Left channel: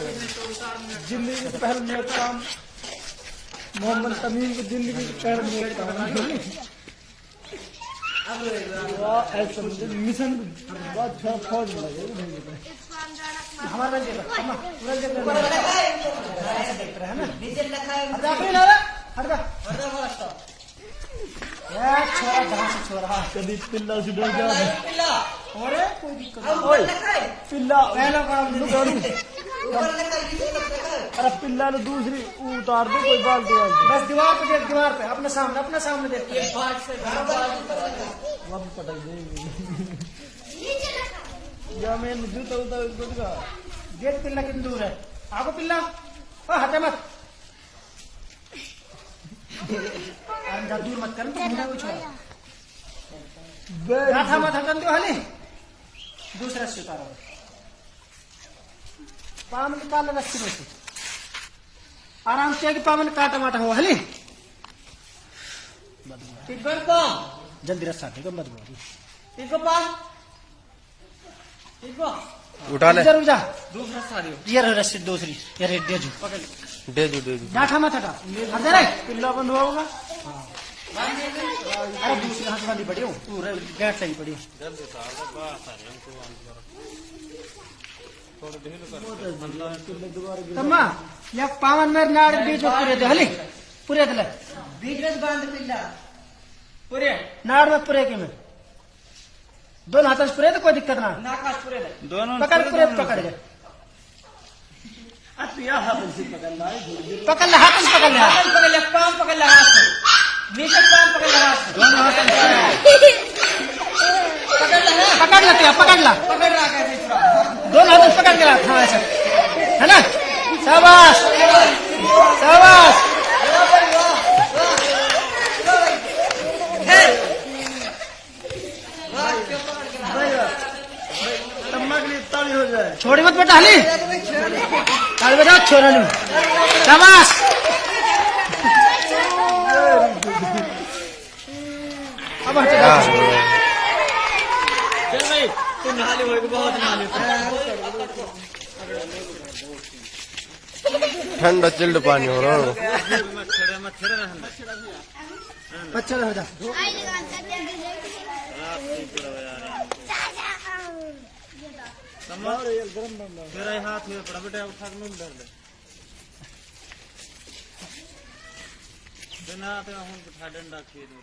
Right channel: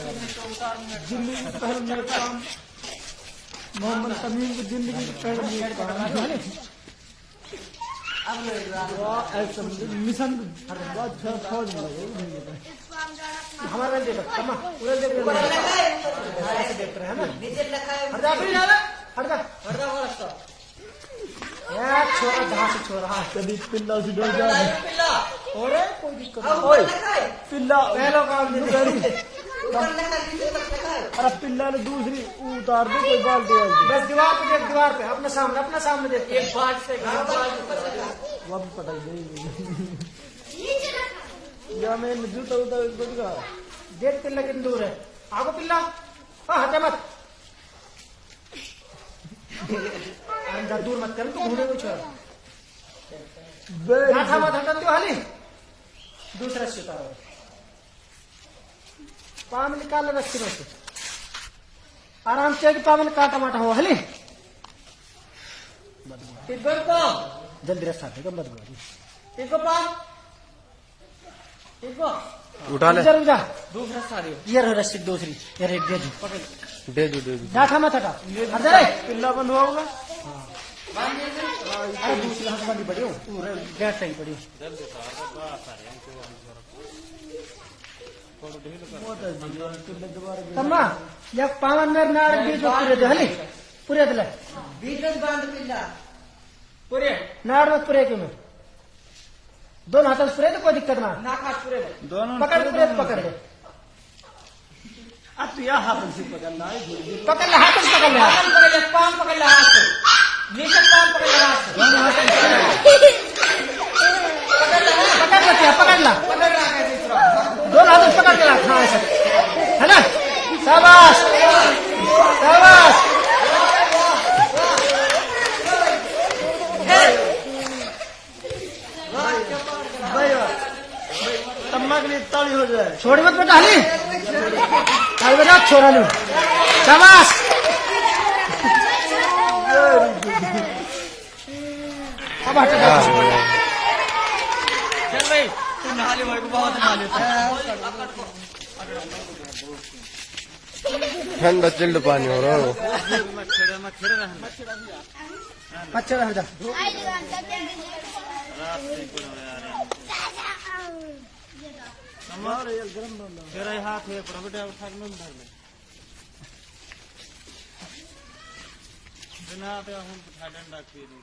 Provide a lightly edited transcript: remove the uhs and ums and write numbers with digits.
जिंदगी का पहला नेक काम मोहम्मद तमीम की जिंदगी का पहला नेक काम ऐसा मिशन बहुत फौज लगे हमारे देखो छोरा कभी पिल्ला से डर जाए पिल्ला अरे पिल्ला ने दूसरी उतार दे कोई बाल्टी वाल्टी बस दीवार पे देख दीवार पे अपने सामने देख एक बात से वापस पटाई देगी या मैं जूता उतार गुटका गेट पिल्ला कितनी दूर है आपको पिल्ला हटे मत अंदर दूर मत कर मुझे कुछ मत हटन दो हले दूसरा सितारा पाम निकाल रस्सी में से आराम से पावन काटा माटा हो हले टिब्बर को जल्दी रस्सा दे गम बदबू टिब्बर पाम टिब्बर उठा ले जा दूसरा साड़ी ये रस्सी दूसरी यार एक दे जो बैठा मत हटा पिल्ला बंद हुआ होगा अरे दूसरी हाथ वाली पड़ी हो तू बैठ सही पड़ी तम्मा या पावन मेरे नाड़ बीच पूरे दे हली पूरे दे बीच में बांध पिल्ला पूरे नाड़ में पूरे के में दोनों हाथों से पूरे तो कोई दिक्कत ना दोनों पकड़ पूरे पकड़ ले अब यह हाथ से पकड़ना पकड़ ले हाथ से पकड़ ले पाम पकड़ ले हाथ से नीचे पाम पकड़ ले हाथ दोनों हाथ पकड़ ले पकड़ ला दोनों हाथ पकड़ के हाँ ऐसा है ना शाबाश शाबाश हो जाए छोड़ी मत बेटा हली ताली बजा छोरा नु शाबाश ठंडा चिल्ड पानी हो रहा हो अच्छा बेटा मेरा हाथ में पड़ा बेटा उठा नहीं डर ले बिना तो हम उठा डंडा के दो